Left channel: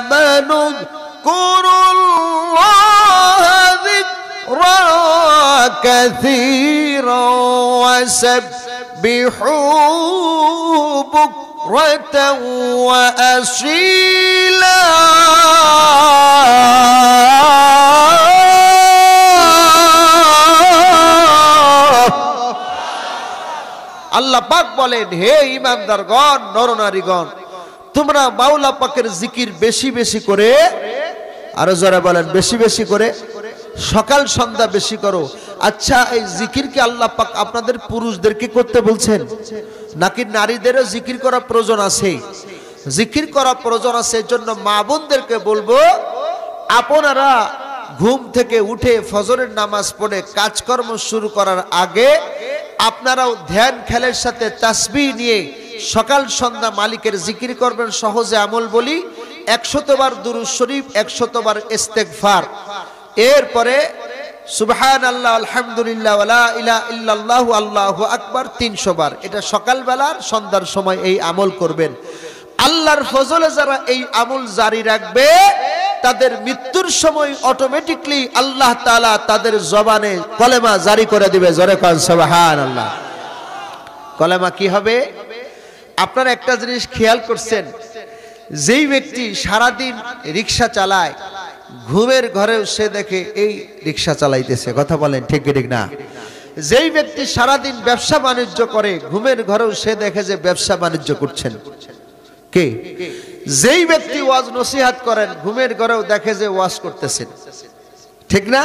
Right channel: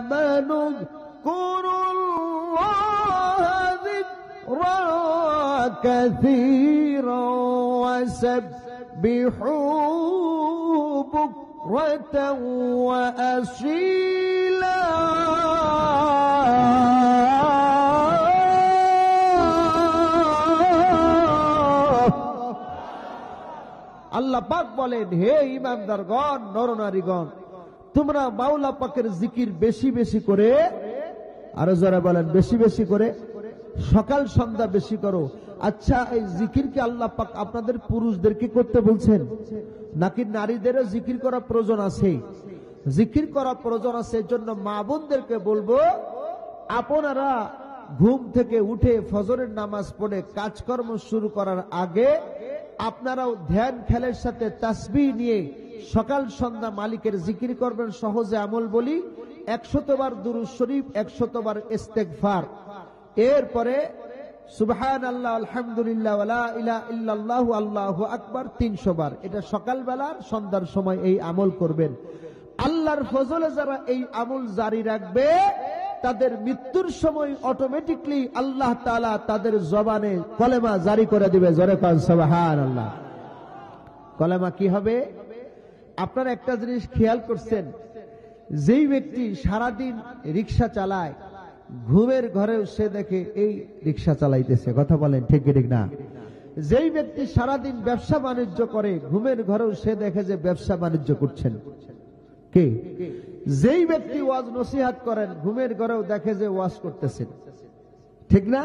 آمنوا اذكروا الله ذكرا كثيرا وسبحوه بكرة وأصيلا আল্লাহ পাক বলেন, হে ঈমানদারগণ, নরনারীগণ, তোমরা মাওলা পাকের জিকির বেশি বেশি করে, আরো যারা বলেন বেশি বেশি করে, সকাল সন্ধ্যা বেশি করো। আচ্ছা, এই জিকির কি আল্লাহ পাক আপনাদের পুরুষদেরকে করতে বলছেন, নাকি নারীদেরও জিকির করা প্রয়োজন আছে? জিকির করা প্রয়োজন আছে। এর জন্য মা বোনদেরকে বলবো, আপনারা ঘুম থেকে উঠে ফজরের নামাজ পড়ে কাজকর্ম শুরু করার আগে আপনারাও ধ্যান খেলের সাথে তাসবিহ নিয়ে সকাল সন্ধ্যা মালিকের জিকির করবেন। সহজে আমল বলি, 100 বার দুরূদ শরীফ, 100 বার ইস্তেগফার, এরপরে সুবহানাল্লাহ, আলহামদুলিল্লাহ, ওয়ালা ইলাহা ইল্লাল্লাহু, আল্লাহু আকবার 300 বার। এটা সকালবেলার সন্ধ্যার সময় এই আমল করবেন। আল্লাহর ফজলে যারা এই আমল জারি রাখবে, তাদের মৃত্যুর সময় অটোমেটিকলি আল্লাহ তাআলা তাদের জবানে কলেমা জারি করে দিবে। জোরে কোন সুবহানাল্লাহ। কলেমা কি হবে? আপনারা একটা জিনিস খেয়াল করছেন, যেই ব্যক্তি সারাদিন রিকশা চালায়, ঘুমের ঘরেও সে দেখে এই রিকশা চালাইতেছে। কথা বলেন ঠিক কি ঠিক না? যেই ব্যক্তি সারাদিন ব্যবসা বাণিজ্য করে, ঘুমের ঘরেও সে দেখে যে ব্যবসা বাণিজ্য করছেন কে? যেই ব্যক্তি ওয়াজ নসিহত করেন, ঘুমের ঘরেও দেখে যে ওয়াজ করতেছেন, ঠিক না?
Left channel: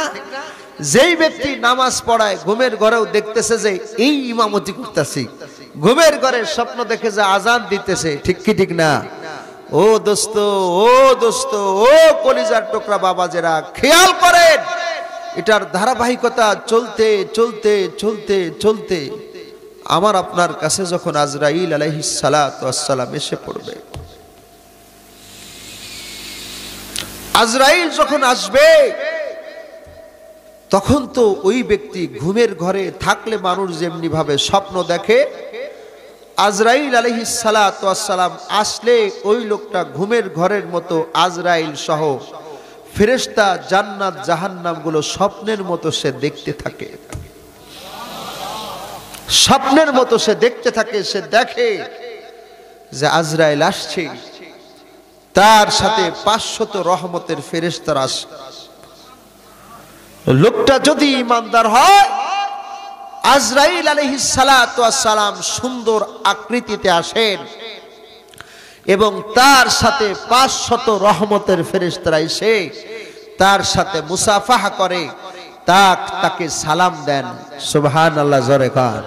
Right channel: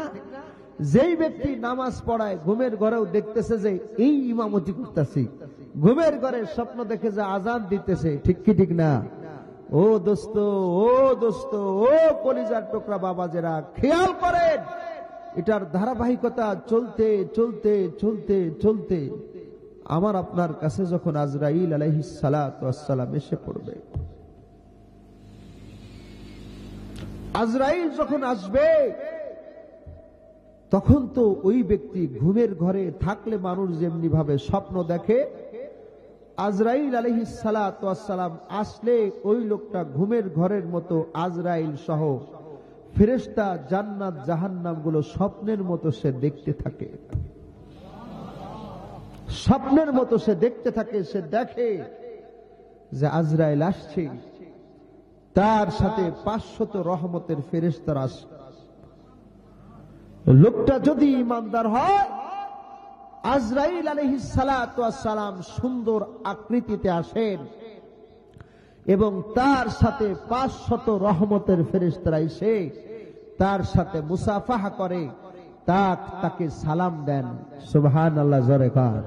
যেই ব্যক্তি নামাজ পড়ায়, ঘুমের ঘরেও দেখতেছে যে এই ইমামতি করতেছি, ঘুমের ঘরে স্বপ্ন দেখে যে আজান দিতেছে, ঠিক কি ঠিক না? ও দোস্ত, ও দোস্ত, ও কলিজার টুকরা বাবাজেরা, খেয়াল করেন, এটার ধারাবাহিকতা চলতে চলতে চলতে চলতে আমার আপনার কাছে যখন আজরাইল আলাইহিস সালাতু ওয়াস সালাম এসে পড়বে, আজরাইল যখন আসবে, তখন তো ওই ব্যক্তি ঘুমের ঘরে থাকলে মানুষ যেমনি ভাবে স্বপ্ন দেখে, আজরাইল আলাইহিস সালাতু ওয়াস সালাম আসলে ওই লোকটা ঘুমের ঘরের মতো আজরাইল সহ ফেরেশতা, জান্নাত, জাহান্নাম গুলো স্বপ্নের মতো সে দেখতে থাকে। স্বপ্নের মতো সে দেখতে থাকে। সে দেখে যে আজরাইল আসছে, তার সাথে 500 রহমতের ফেরেশতারা আসে। লোকটা যদি ঈমানদার হয়, আজরাইল আলাইহিস সালাতু ওয়াস সালাম সুন্দর আকৃতিতে আসেন এবং তার সাথে 500 রহমতের ফেরেশতারা এসে তার সাথে মুসাফাহা করে, তাকে সালাম দেন। সুবহানাল্লাহ, জোরে কান।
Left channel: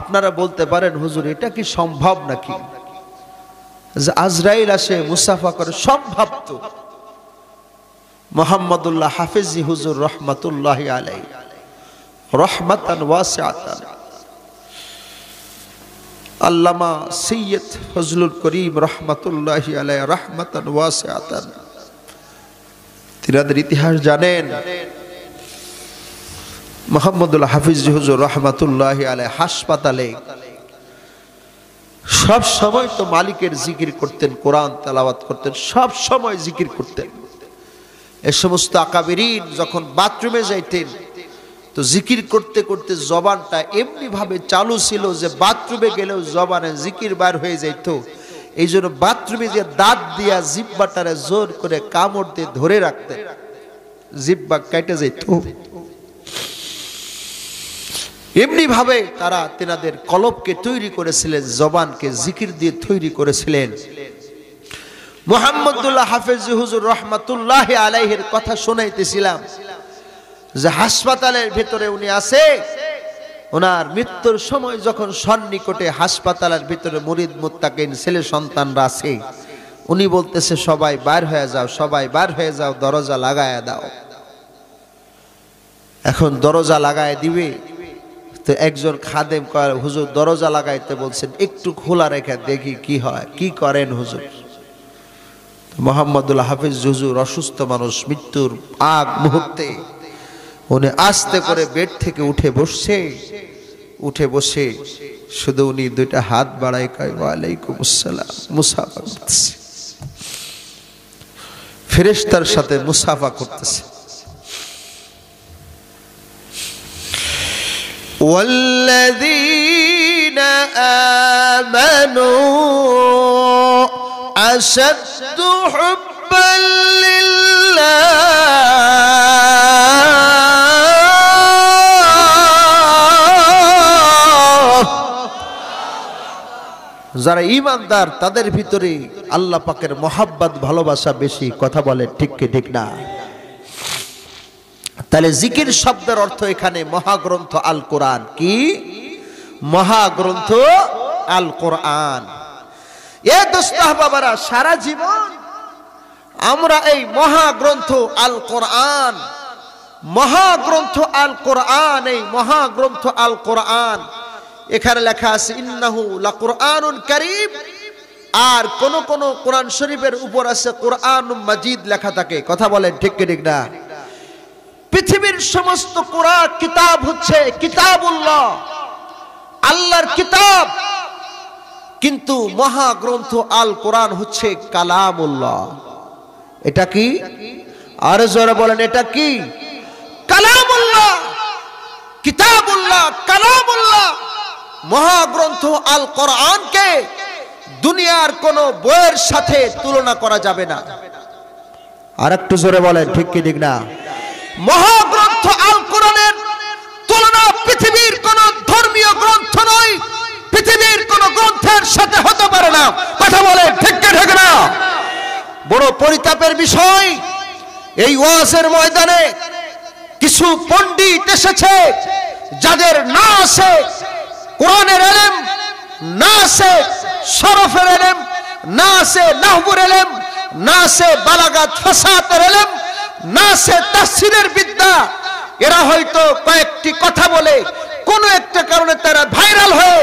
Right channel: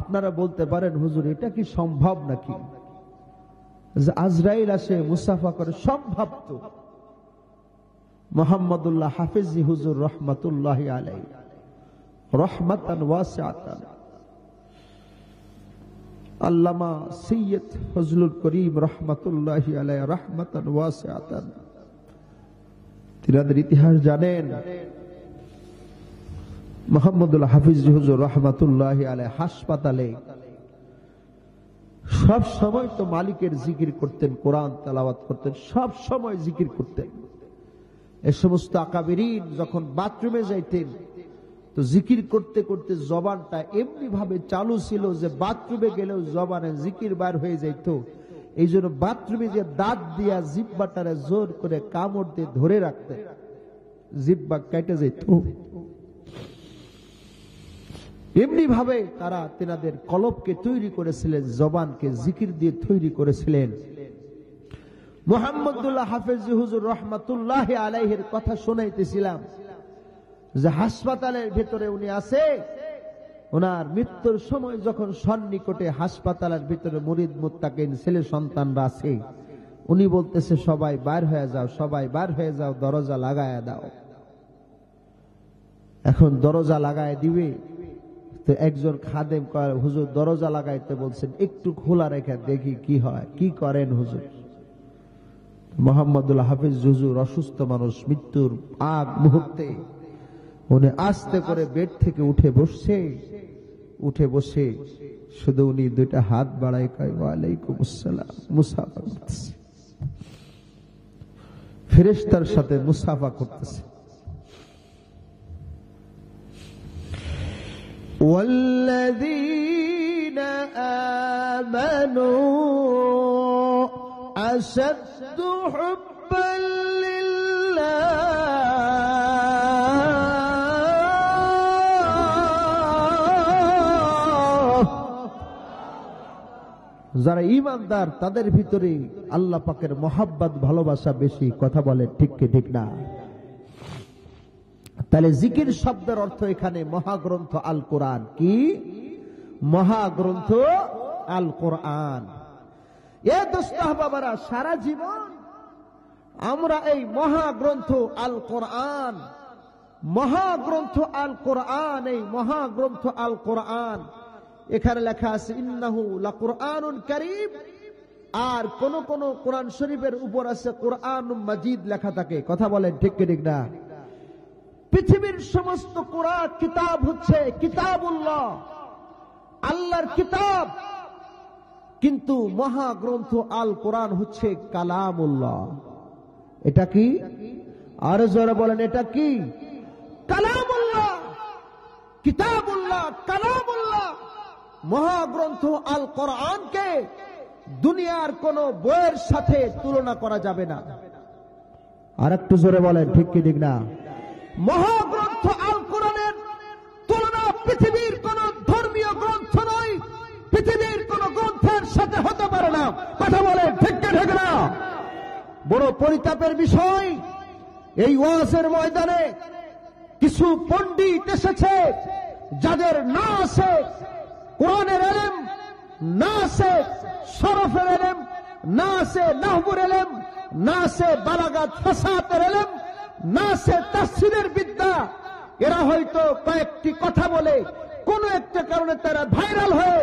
আপনারা বলতে পারেন, হুজুর এটা কি সম্ভব নাকি যে আজরাইল আসে মুসাফা করে? সম্ভব তো। মুহাম্মদুল্লাহ হাফিজি হুজুর রহমাতুল্লাহি আলাইহি, রহমাতান ওয়াসিআতান, আল্লামা সৈয়দ ফজলুল করিম রহমাতুল্লাহি আলাইহি, রহমাতান ওয়াসিআতান, তিনাদের ইতিহাস জানেন। মুহাম্মদুল্লাহ হাফিজি হুজুর রহমাতুল্লাহি আলাইহি হাসপাতালে সব সময় তো মালিকের জিকির করতেন, কোরআন তেলাওয়াত করতেন, সব সময় জিকির করতেন। এই সমস্ত আকাবিরিন যখন বাথরুমে যাইতেন, তো জিকির করতে করতে জবানটা এমনি ভাবে চালু ছিল যে বাথরুমে গেলেও জবানে জিকির বার হয়ে যাইত। এই জন্য বাথরুমে যে দাঁত দিয়া জিহ্বাটারে জোর করে কামড় দিয়ে ধরে রাখতেন, জিহ্বা কেটে যেত। এমনি ভাবে তারা তেনাদের কলবকে তৈরি করেছিলেন, জবানকে জিকির দিয়ে তৈরি করেছিলেন। মুহাম্মদুল্লাহ হাফেজ হুজুর রহমাতুল্লাহি আলাইহির কথা শোনাইতেছিলাম যে হাসপাতালের ভেতরে উনি আছে, ওনার মৃত্যুর সময় যখন সন্নিকটে হাসপাতালের ভিতরে মুরিদ মুত্তাকিন ছেলে সন্তানরা আছে, উনি বলতেছে সবাই বার হয়ে যাও, সবাই বার হয়ে যাও, দরজা লাগায় দাও। এখন দরজা লাগায় দিবে, তো একজন খাদেম কয়, হুজুর দরজা লাগাইতে বলছেন, একটু খোলা রেখে দেখি কি হয়, কি করেন হুজুর? মুহাম্মদুল্লাহ হাফিজ হুজুর অসুস্থ মানুষ, মৃত্যুর আগ মুহূর্তে উনি আস্তে করে বেড থেকে উঠে বসছে, উঠে বসে শুধু উনি দুইটা হাত বাড়ায় কয় ওয়ালাইকুম আসসালাম, মুসাফা করতেছে, ফেরেশতার সাথে মুসাফা করতেছে। ওয়াল্লাযীনা আমানু আশাদ্দু হুব্বান লিল্লাহ। যারা ঈমানদার তাদের ভিতরে আল্লাহ পাকের মহাব্বত ভালোবাসা বেশি। কথা বলে ঠিক কি ঠিক না? তাহলে জিকির শব্দের অর্থ এখানে মহাগ্রন্থ আল কোরআন। কি মহাগ্রন্থ আল কোরআন? এ দোস্ত বাবারা, সারা জীবন আমরা এই মহাগ্রন্থ আল কোরআন, মহাগ্রন্থ আল কোরআন, এই মহাগ্রন্থ আল কোরআন, এখানে লেখা আছে ইন্নাহু লাকুরআনুন কারীম, আর কোন কোন কোরআন শরীফের উপর আছে কোরআনুম মাজিদ লেখা থাকে। কথা বলেন ঠিক কি ঠিক না? পৃথিবীর সমস্ত কোরআন কিতাব হচ্ছে কিতাবুল্লাহ, আল্লাহর কিতাব, কিন্তু মহাগ্রন্থ আল কোরআন হচ্ছে কালামুল্লাহ। এটা কি? আর জোরে বলেন এটা কি? কালামুল্লাহ, কিতাবুল্লাহ, কালামুল্লাহ। মহাগ্রন্থ আল কোরআনকে দুনিয়ার কোন বইয়ের সাথে তুলনা করা যাবে না। আর একটু জোরে বলেন ঠিক কি ঠিক না? মহাগ্রন্থ আল কোরআনের তুলনা পৃথিবীর কোন ধর্মীয় গ্রন্থ নয়, পৃথিবীর কোন গ্রন্থের সাথে হতে পারে না। কথা বলে ঠিক কি ঠিক না? বড় পরিতাপের বিষয়, এই ওয়াজের ময়দানে কিছু পণ্ডিত এসেছে যাদের না আছে কোরআনের ইলম, না আছে শরফের ইলম, না আছে নাহবুর ইলম, না আছে বালাগাত ফাসাহাতের ইলম, না আছে তাফসীরের বিদ্যা। এরা হয়তো কয়েকটি কথা বলে কোন একটা কারণে তারা ভাইরাল হয়ে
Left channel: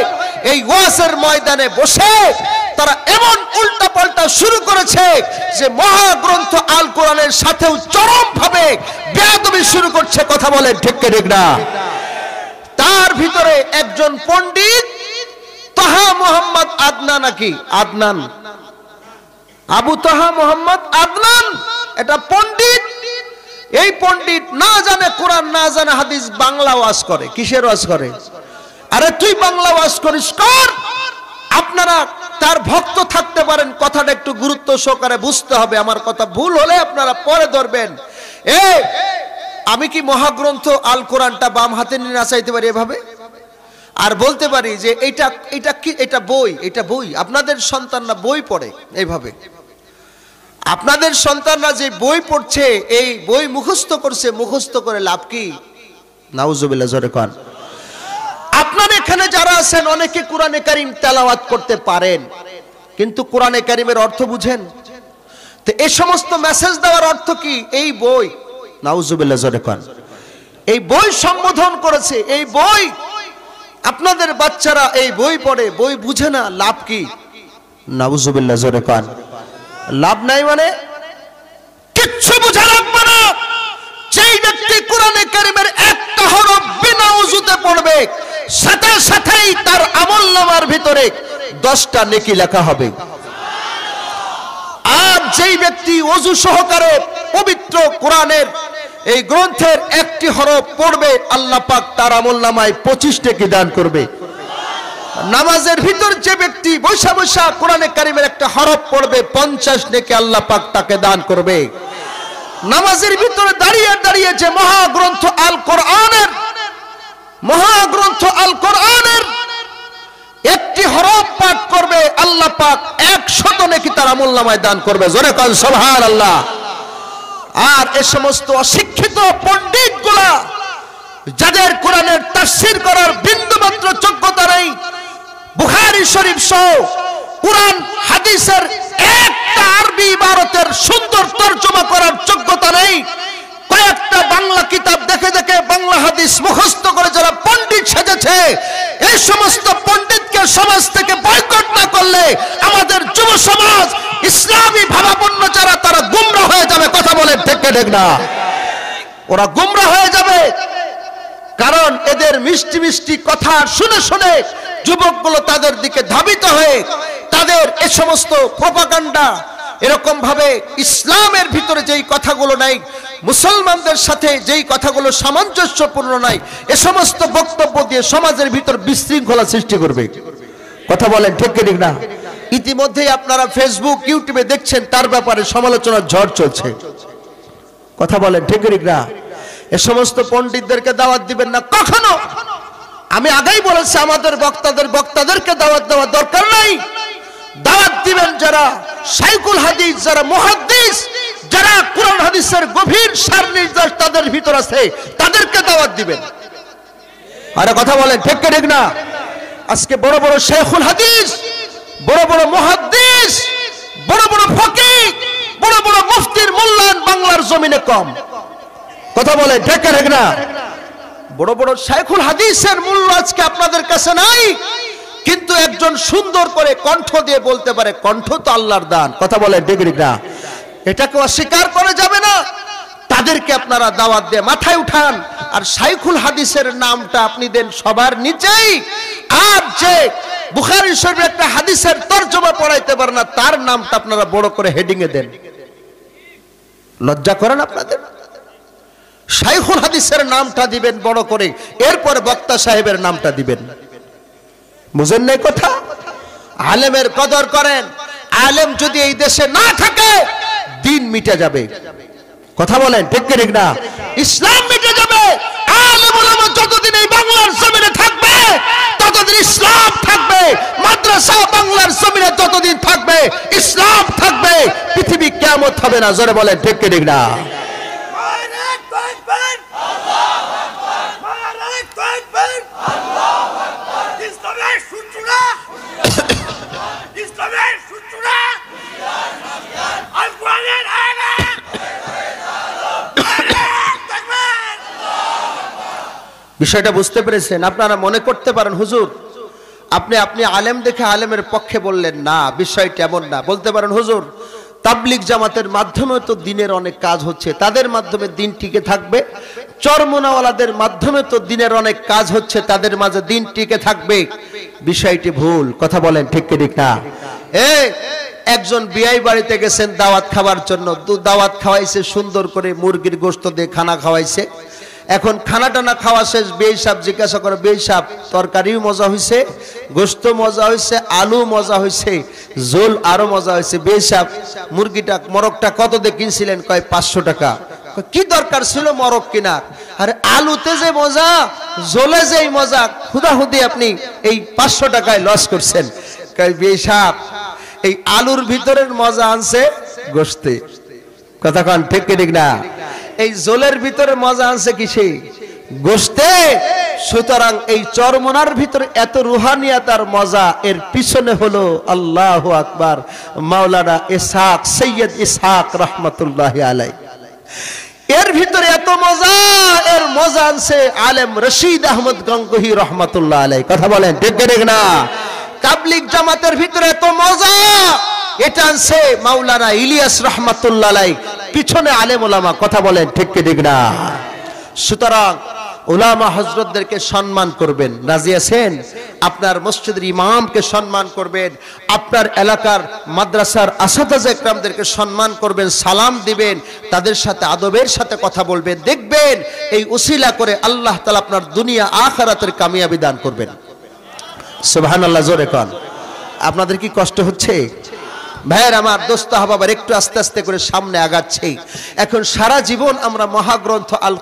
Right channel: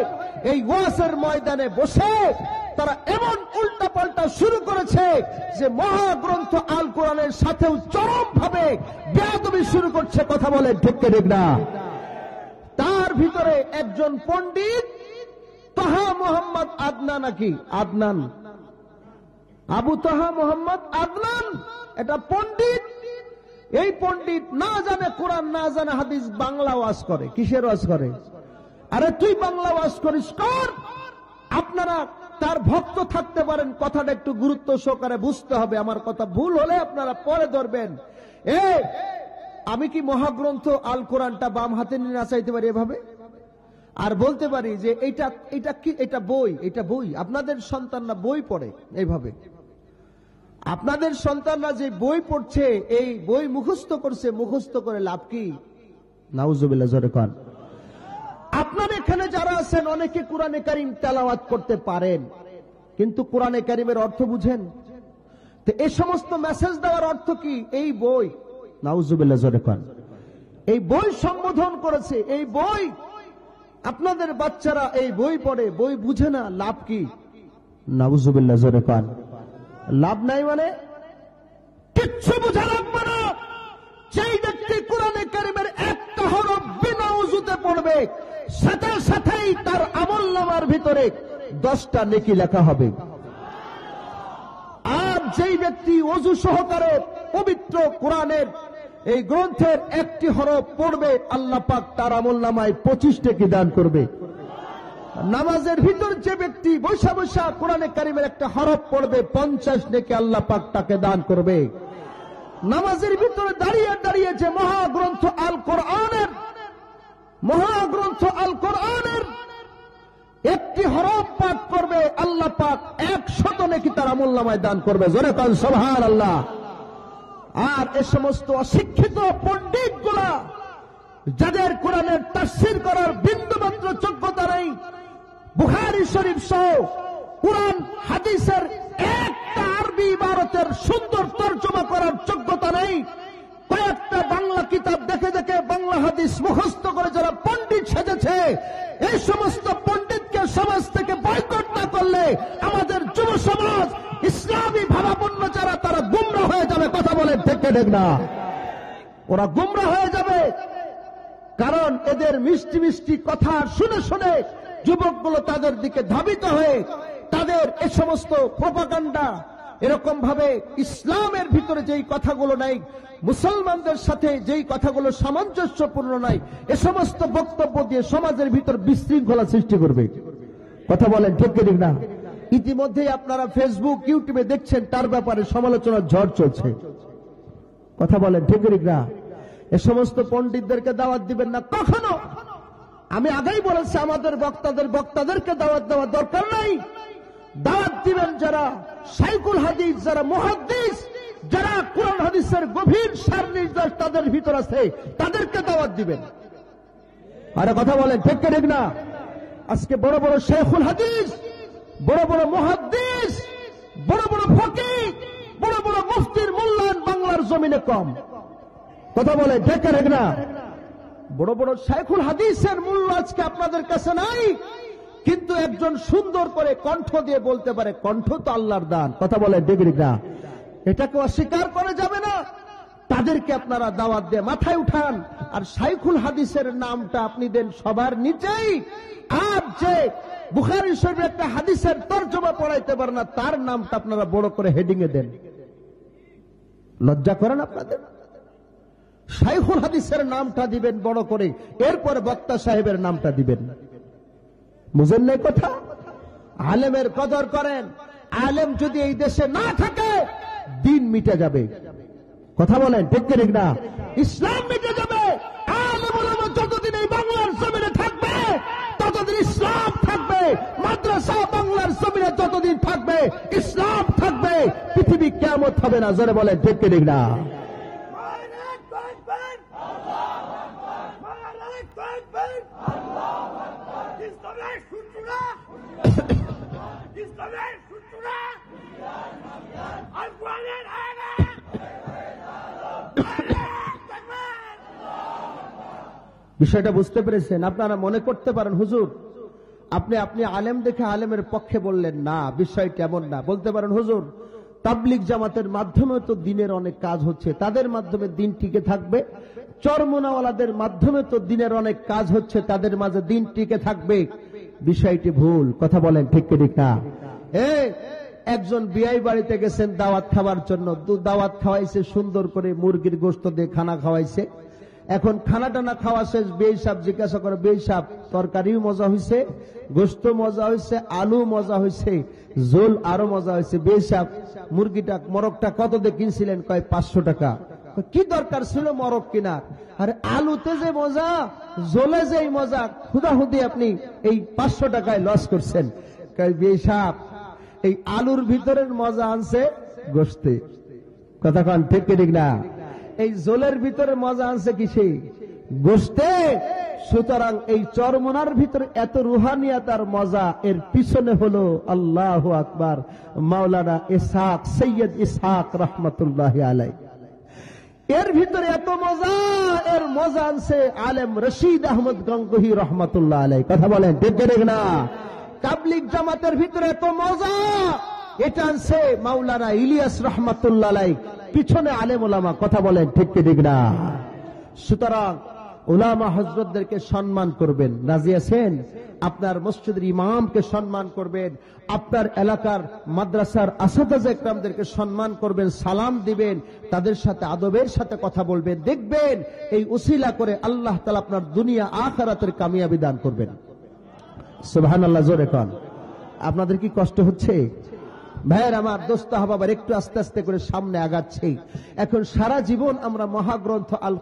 এই ওয়াজের ময়দানে বসে তারা এমন উল্টা পাল্টা শুরু করেছে যে মহাগ্রন্থ আল কোরআনের সাথেও চরম ভাবে বেয়াদবি শুরু করছে। কথা বলেন ঠিক কি ঠিক না? তার ভিতরে একজন পণ্ডিত তাহা মোহাম্মদ আদনান, নাকি আদনান, আবু তাহা মোহাম্মদ আদনান, এটা পণ্ডিত। এই পণ্ডিত না জানে কোরআন, না জানে হাদিস, বাংলা ওয়াজ করে। কিসের ওয়াজ করে? আরে তুই বাংলা ওয়াজ করিস কর। আপনারা তার ভক্ত থাকতে পারেন, কথাটা একটু গুরুত্ব সহকারে বুঝতে হবে। আমার কথা ভুল হলে আপনারা পরে ধরবেন। আমি কি মহাগ্রন্থ আল কোরআনটা বাম হাতে নিয়ে নাচাইতে পারি এভাবে, আর বলতে পারি যে এটা এটা কি, এটা বই, এটা বই। আপনাদের সন্তানরা বই পড়ে এইভাবে, আপনাদের সন্তানরা যে বই পড়ছে, এই বই মুখস্থ করছে, মুখস্থ করে লাভ কি? নাউজুবিল্লাহ, জোরে কোন। আপনার এখানে যারা আছেন অনেকে কোরআনে কারীম তেলাওয়াত করতে পারেন, কিন্তু কোরআনে কারীমের অর্থ বুঝেন? তো এই সমস্ত মেসেজ দেওয়ার অর্থ কি? এই বই, নাউজুবিল্লাহ, জোরে কোন। এই বই সম্বোধন করেছে, এই বই। আপনাদের বাচ্চারা এই বই পড়ে, বই বুঝে না, লাভ কি? নাউজুবিল্লাহ, জোরে কোন। লাভ নাই মানে কিচ্ছু বুঝা লাগবে না। যেই ব্যক্তি কোরআনে কারীমের একটা হরফ বিনা ওযুতে পড়বে, সাথে সাথেই তার আমলনামার ভিতরে 10টা নেকি লেখা হবে। আর যেই ব্যক্তি ওযু সহকারে পবিত্র কোরআনের এই গ্রন্থের একটি হরফ পড়বে, আল্লাহ পাক তার আমলনামায় 25 নেকি দান করবে। নামাজের ভিতর যে ব্যক্তি বৈশা বৈশা কোরআনে কারীমের একটা হরফ পড়বে, 50 নেকি আল্লাহ পাক তাকে দান করবে। নামাজের ভিতরে দাঁড়িয়ে দাঁড়িয়ে যে মহাগ্রন্থ আল কোরআনের, মহাগ্রন্থ আল কোরআনের একটি হরফ পাঠ করবে, আল্লাহ পাক 100 নেকি তার আমলনামায় দান করবে। জোরে কোন সুবহানাল্লাহ। আর এই সমস্ত অশিক্ষিত পণ্ডিতগুলা যাদের কোরআনের তাফসীর করার বিন্দুমাত্র যোগ্যতা নেই, বুখারী শরীফ সহ কোরআন হাদিসের একটা আরবি ইবারতের সুন্দর তরজমা করার যোগ্যতা নেই, কয়েকটা বাংলা কিতাব দেখে দেখে বাংলা হাদিস মুখস্থ করে যারা পণ্ডিত সেজেছে, এই সমস্ত পণ্ডিতকে সমাজ থেকে বয়কট না করলে আমাদের যুব সমাজ, ইসলামী ভাবাপন্ন যারা, তারা গুমরা হয়ে যাবে। কথা বলেন ঠিক ঠিক না? ওরা গুমরা হয়ে যাবে। কারণ এদের মিষ্টি মিষ্টি কথা শুনে শুনে যুবকগুলো তাদের দিকে ধাবিত হয়ে তাদের এই সমস্ত প্রপাগান্ডা, এরকম ভাবে ইসলামের ভিতরে যেই কথাগুলো নাই, মুসলমানদের সাথে যেই কথাগুলো সামঞ্জস্যপূর্ণ নাই, এ সমস্ত বক্তব্য দিয়ে সমাজের ভিতর বিশৃঙ্খলা সৃষ্টি করবে। কথা বলেন ঠিক কি ঠিক না? ইতিমধ্যেই আপনারা ফেসবুক ইউটিউবে দেখছেন তার ব্যাপারে সমালোচনার ঝড় চলছে। কথা বলেন ঠিক কি ঠিক না? এ সমস্ত পণ্ডিতদেরকে দাওয়াত দিবেন না কখনো। আমি আগেই বলেছি আমাদের বক্তাদেরকে দাওয়াত দেওয়ার দরকার নাই। দাওয়াত দিবেন যারা শাইখুল হাদিস, যারা মুহাদ্দিস, যারা কোরআন হাদিসের গভীর সার নির্দেশ তাদের ভিতর আছে, তাদেরকে দাওয়াত দিবেন। আরে কথা বলেন ঠিক কি ঠিক না? আজকে বড় বড় শাইখুল হাদিস, বড় বড় মুহাদ্দিস, বড় বড় ফকিহ, বড় বড় মুফতির মূল্যায়ন বাংলার জমিনে কম। কথা বলে ঠিক কি ঠিক না? বড় বড় শাইখুল হাদিসের মূল্য আজকে আপনাদের কাছে নাই, কিন্তু একজন সুন্দর করে কণ্ঠ দিয়ে বলতে পারে কণ্ঠ তো আল্লাহর দান। কথা বলে ঠিক কি ঠিক না? এটাকে অস্বীকার করা যাবে না। তাদেরকে আপনারা দাওয়াত দিয়ে মাথায় উঠান, আর শাইখুল হাদিসের নামটা আপনি দেন সবার নিচেই। আর যে বুখারী শরীফের একটা হাদিসের তরজমা পড়াইতে পারে না, তার নামটা আপনারা বড় করে হেডিং এ দেন। লজ্জা করেন আপনাদের? শাইখুল হাদিসের নামটা দিবেন বড় করে, এরপর বক্তা সাহেবের নামটা দিবেন। বুঝেন নাই কথা? আলেমের কদর করেন। আলেম যদি এই দেশে না থাকে দিন মিটে যাবে। কথা বলেন ঠিক কি ঠিক না? ইসলাম মিটে যাবে। আলেম ওলামা যতদিন এই বাংলার জমিনে থাকবে ততদিন ইসলাম থাকবে। মাদ্রাসা বাংলার জমিনে যতদিন থাকবে ইসলাম থাকবে। পৃথিবী কিয়ামত হবে না। জোরে বলেন ঠিক কি ঠিক না? বিষয়টা বুঝতে পেরেছেন? আপনারা মনে করতে পারেন হুজুর আপনি আলেম দেখে আলেমের পক্ষে বললেন না, বিষয়টা এমন না। বলতে পারেন হুজুর তাবলিগ জামাতের মাধ্যমে তো দিনের অনেক কাজ হচ্ছে, তাদের মাধ্যমে দিন টিকে থাকবে। চরমোনাওয়ালাদের মাধ্যমে তো দিনের অনেক কাজ হচ্ছে, তাদের মাঝে দিন টিকে থাকবে। বিষয়টি ভুল। কথা বলেন ঠিক কি ঠিক না? একজন বিয়াই বাড়িতে গেছেন দাওয়াত খাবার জন্য, দাওয়াত খাওয়াইছে সুন্দর করে, মুরগির গোশত দিয়ে খানা খাওয়াইছে। এখন খানা টানা খাওয়া শেষ, বিয়াই সাহেব জিজ্ঞাসা করে, বিয়াই সাহেব তরকারিও মজা হয়েছে, গোশত মজা হয়েছে, আলু মজা হয়েছে, ঝোল আরো মজা হয়েছে। বিয়াই সাহেব মুরগিটা মরকটা কত দিয়ে কিনছিলেন? কয় 500 টাকা। কি দরকার ছিল মরক কিনার? আরে আলুতে যে মজা, ঝোলে যে মজা, খুদাহুদি আপনি এই 500 টাকায় লস করছেন। কয় বিয়াই সাহেব এই আলুর ভিতরের মজা আনছে গোশতে। কথা কান ঠিক কি ঠিক না? এই জোলের ভিতরে মজা আনছে কিসে? গোশতে। সুতরাং এই চরমোনার ভিতরে এত রুহানিয়াত আর মজা, এর পিছনে হলো আল্লাহু আকবার মাওলানা ইসহাক, সৈয়দ ইসহাক রহমতুল্লাহ আলাইহি। এর ভিতরে এত মজা, এর মজা আনছে আলেম রশিদ আহমদ গঙ্গোহী রহমতুল্লাহ আলাইহি। কথা বলেন ঠিক কি ঠিক না? তাবলিগ জামাতের ভিতরে এত মজা, এটা আনছে মাওলানা ইলিয়াস রহমাতুল্লাহ আলাইহি, পিছনে আলেম ওলামা। কথা বলেন ঠিক কি ঠিক না? সুতরাং ওলামা হযরতদেরকে সম্মান করবেন। রাজি আছেন? আপনার মসজিদের ইমামকে সম্মান করবেন, আপনার এলাকার মাদ্রাসার আসাতাজে ইকরামদেরকে সম্মান করবেন, সালাম দিবেন, তাদের সাথে আদবের সাথে কথা বলবেন। দেখবেন এই উসিলা করে আল্লাহ তাআলা আপনার দুনিয়া আখিরাতের কামিয়াবি দান করবেন। সুবহানাল্লাহ। জোরে কোন। আপনাদের কি কষ্ট হচ্ছে? ভাইয়ের আমার, দোস্ত আহবাব, একটু আস্তে আস্তে করে সামনে আগাচ্ছে। এখন সারা জীবন আমরা মহাগ্রন্থ আল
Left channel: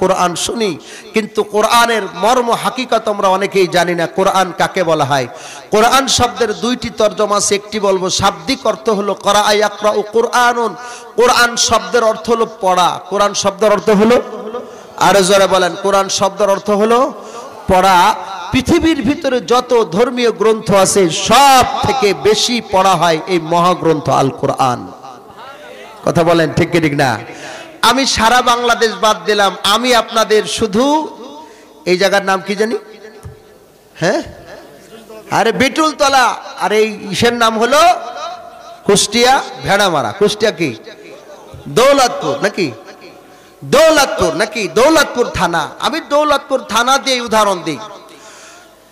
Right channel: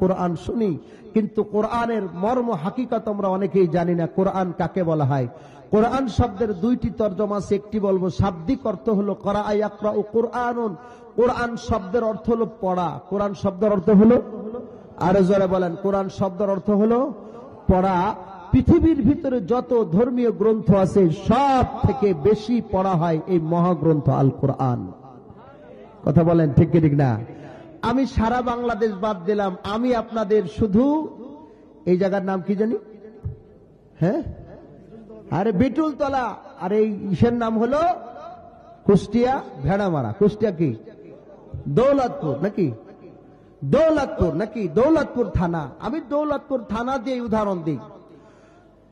কোরআন শুনি, কিন্তু কোরআনের মর্ম হাকিকত আমরা অনেকেই জানি না। কোরআন কাকে বলা হয়? কোরআন শব্দের দুইটি তরজমা আছে। একটি বলবো শাব্দিক অর্থ হলো করা ইয়াকরাউ কোরআনুন, কোরআন শব্দের অর্থ হলো পড়া। কোরআন শব্দের অর্থ হলো, আরো জোরে বলেন, কোরআন শব্দের অর্থ হলো পড়া। পৃথিবীর ভিতরে যত ধর্মীয় গ্রন্থ আছে সব থেকে বেশি পড়া হয় এই মহাগ্রন্থ আল কোরআন। কথা বলেন ঠিক কি ঠিক না? আমি সারা বাংলাদেশ বাদ দিলাম, আমি আপনাদের শুধু এই জায়গার নাম কি জানি, হ্যাঁ, আরে বিটুলতলা, আর এই ইসের নাম হলো কুষ্টিয়া ভেড়ামারা। কুষ্টিয়া কি? দৌলতপুর নাকি? দৌলতপুর নাকি দৌলতপুর থানা, আমি দৌলতপুর থানা দিয়ে উদাহরণ দিই।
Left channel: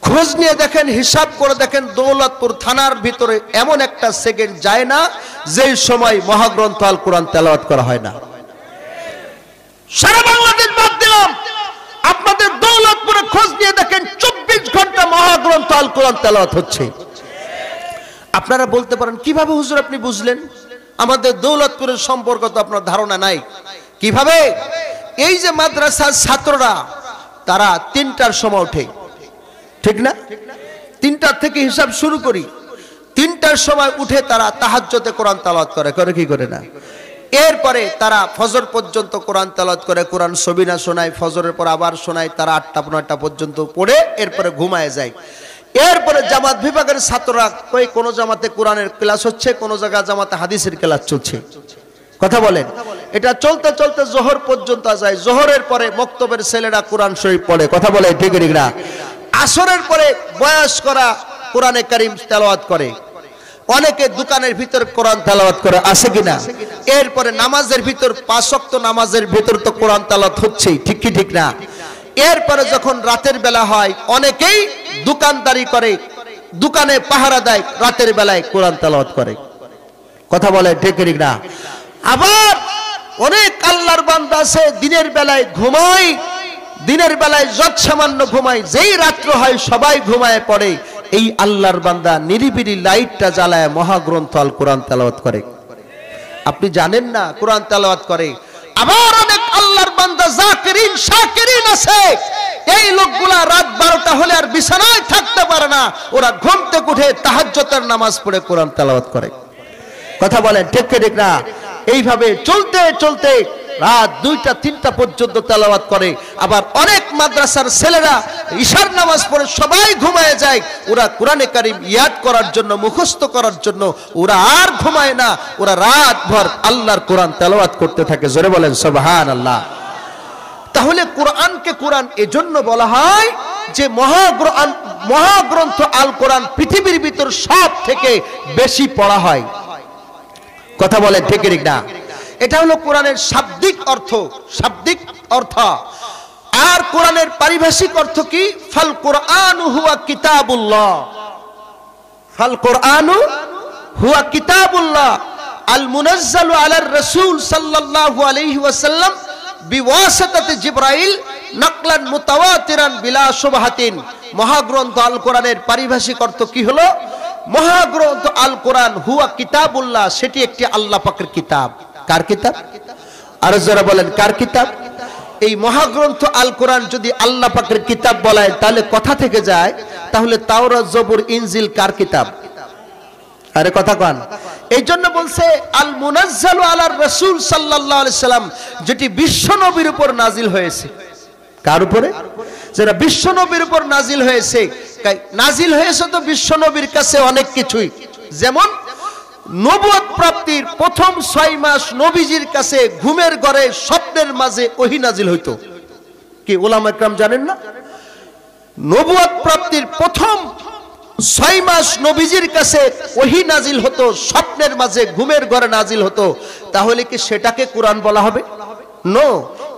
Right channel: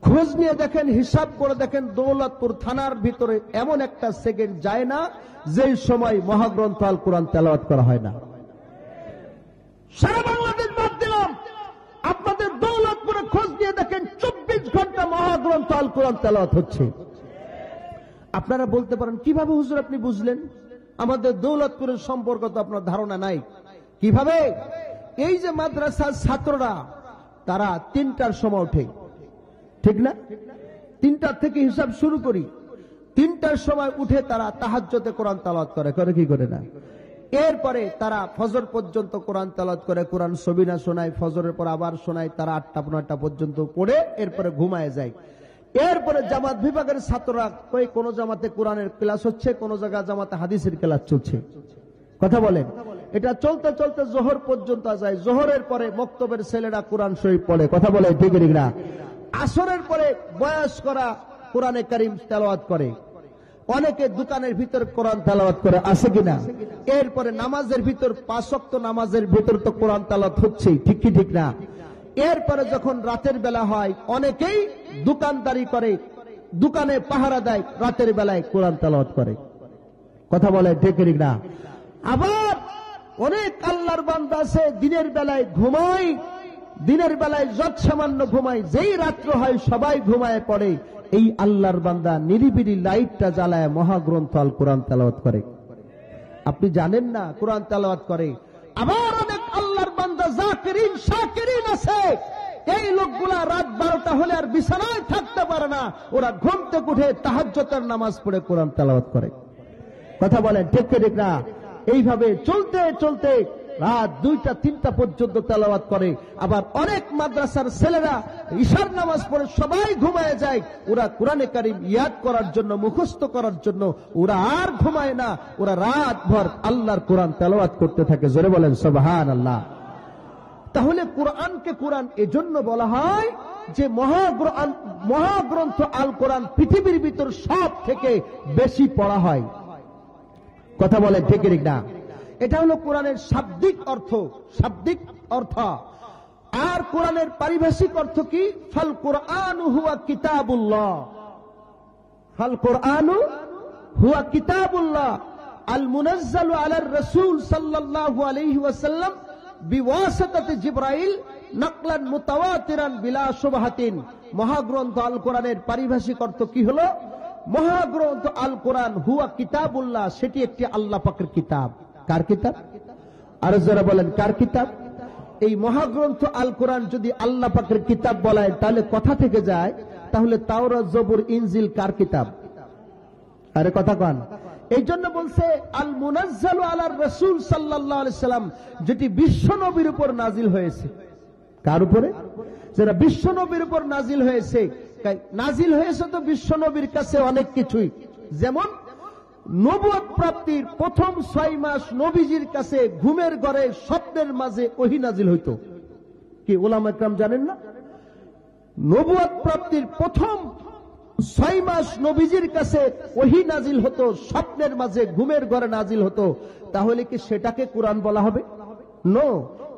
খোঁজ নিয়ে দেখেন, হিসাব করে দেখেন, দৌলতপুর থানার ভিতরে এমন একটা সেকেন্ড যায় না যেই সময় মহাগ্রন্থ আল কোরআন তেলাওয়াত করা হয় না। সারা বাংলাদেশ বাদ দিলাম, আপনাদের দৌলতপুরে খোঁজ নিয়ে দেখেন 24 ঘন্টা মহাগ্রন্থ আল কোরআন তেলাওয়াত হচ্ছে। আপনারা বলতে পারেন কিভাবে হুজুর আপনি বুঝলেন? আমাদের দৌলতপুরের সম্পর্ক তো আপনার ধারণা নাই। কিভাবে? এই যে মাদ্রাসার ছাত্ররা তারা 3টার সময় ওঠে, ঠিক না? 3টার থেকে হিসাব শুরু করি, 3টার সময় উঠে তারা তাহাজ্জুদে কোরআন তেলাওয়াত করে কি করে না? এরপরে তারা ফজর পর্যন্ত কোরআন তেলাওয়াত করে, কোরআন সবিনা শোনায়, ফজরের পর আবার শোনায়, তারা 8টা-9টা পর্যন্ত পড়ে এরপরে ঘুমায় যায়। এরপরে জামাত বিভাগের ছাত্ররা কই কোন জামাতে কোরআনের ক্লাস হচ্ছে, কোন জায়গায় জামাতে হাদিসের ক্লাস চলছে, কথা বলেন। এটা চলতে চলতে জোহর পর্যন্ত যায়। জোহরের পরে মক্তবের ছেলেরা কোরআন শরীফ পড়ে, কথা বলে ঠিক না? আসরের পরে বয়স করা কোরআনে কারীম তেলাওয়াত করে, অনেকে দোকানের ভিতর কোরআন তেলাওয়াত করে, আছে কিনা? এরপরে নামাজের ভিতর 5 ওয়াক্ত নামাজের ভিতর তো কোরআন তেলাওয়াত হচ্ছেই, ঠিক কি ঠিক না? এরপরে যখন রাতের বেলা হয় অনেকেই দোকানদারি করে, দোকানে পাহারা দেয়, রাতের বেলায় কোরআন তেলাওয়াত করে, কথা বলে ঠিক না? আবার অনেক আল্লাহর বান্দা আছে দিনের বেলায় ঘুমায়, দিনের বেলায় যত সামান্য ঘুমায়, যেই রাত্র হয় সবাই ঘুমায় পড়ে, এই আল্লাহর বান্দা নিরিবিলি লাইটটা জ্বালায় মহাগ্রন্থ আল কোরআন তেলাওয়াত করে। আপনি জানেন না কোরআন তেলাওয়াত করে। আবার অনেক আল্লাহর বান্দা জাকিরিন শাকিরিন আছে, এই লোকগুলা রাত 12টা হলে আর বিছানায় থাকতে পারে না, ওরা ঘুম থেকে উঠে তাহাজ্জুদের নামাজ পড়ে কোরআন তেলাওয়াত করে, কথা বলেন ঠিক ঠিক না? এইভাবে চলতে চলতে রাত 2টা-3টা পর্যন্ত তেলাওয়াত করে। আবার অনেক মাদ্রাসার ছেলেরা ইশার নামাজ পড়ে সবাই ঘুমায় যায়, ওরা কোরআনে কারীম ইয়াদ করার জন্য, মুখস্থ করার জন্য ওরা আর ঘুমায় না, ওরা রাত ভর আল্লাহর কোরআন তেলাওয়াত করতে থাকে। জোরে বলেন সুবহানাল্লাহ। তাহলে কোরআনকে কোরআন এজন্য বলা হয় যে মহাগ্রন্থ আল কোরআন পৃথিবীর ভিতর সব থেকে বেশি পড়া হয়, কথা বলেন ঠিক না? এটা হলো কোরআনের শাব্দিক অর্থ, শাব্দিক অর্থ। আর কোরআনের পারিভাষিক অর্থ কি? ফাল কোরআনু হুয়া কিতাবুল্লাহ, ফাল কোরআনু হুয়া কিতাবুল্লাহ আল মুনাজ্জালু আলার রাসূল সাল্লাল্লাহু আলাইহি ওয়াসাল্লাম বিওয়াসিতাতি জিবরাইল নাকলান মুতাওয়াতিরান বিলা শুবহাতিন। মহাগ্রন্থ আল কোরআনের পারিভাষিক অর্থ কি হলো? মহাগ্রন্থ আল কোরআন হুয়া কিতাবুল্লাহ, সেটি একটি আল্লাহ পাকের কিতাব। কার কিতাব? আর যারা বলেন কার কিতাব? এই মহাগ্রন্থ আল কোরআন যদি আল্লাহ পাকের কিতাব বলায় তাহলে কথা থেকে যায়, তাহলে তাওরাত জবুর ইনজিল কার কিতাব? আরে কথা কন। এই জন্য বলছে আল মুনাজ্জালু আলার রাসূল সাল্লাল্লাহু আলাইহি সাল্লাম, যেটি বিশ্ব নবীর উপর নাজিল হয়েছে। কার উপরে? যারা বিশ্ব নবীর উপর নাজিল হয়েছে। নাজিল হয়েছে তো বিশ্ব নবীর কাছে অনেক কিছুই, যেমন নবুয়ত প্রাপ্তির প্রথম 6 মাস নবীজির কাছে ঘুমের ঘরে স্বপ্নের মাঝে ওহী নাজিল হইতো। কি উলামা ইকরাম জানেন না? নবুয়ত প্রাপ্তির প্রথম 6 মাস নবীজির কাছে ওহী নাজিল হতো, স্বপ্নের মাঝে ঘুমের ঘরে নাজিল হতো। তাহলে কি সেটাকে কোরআন বলা হবে? নো।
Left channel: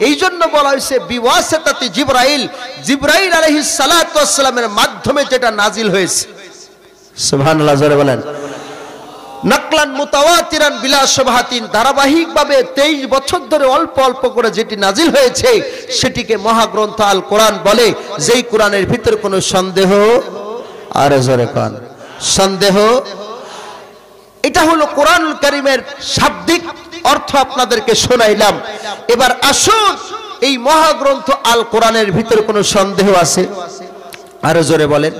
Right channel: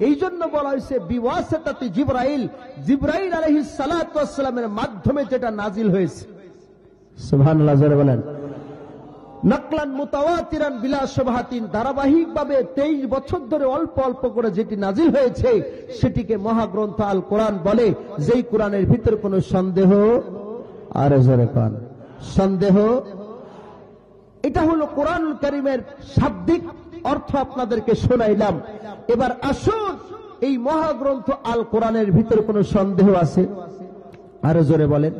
এই জন্য বলা হয়েছে বিওয়াসিতাতি জিবরাইল, জিবরাইল আলাইহিস সালাতু ওয়াস সালামের মাধ্যমে যেটা নাজিল হয়েছে। সুবহানাল্লাহ, জোরে বলেন। নাকলান মুতাওয়াতিরান বিলা শুবহাতিন, ধারাবাহিকভাবে 23 বছর ধরে অল্প অল্প করে যেটি নাজিল হয়েছে সেটিকে মহাগ্রন্থ আল কোরআন বলে। যেই কোরআনের ভিতর কোনো সন্দেহ, আরে জোরে কোন সন্দেহ, এটা হলো কোরআনুল কারীমের শাব্দিক অর্থ আপনাদেরকে শোনাইলাম। এবার আসুন, এই মহাগ্রন্থ আল কোরআনের ভিতর কোনো সন্দেহ আছে? আরে জোরে বলেন,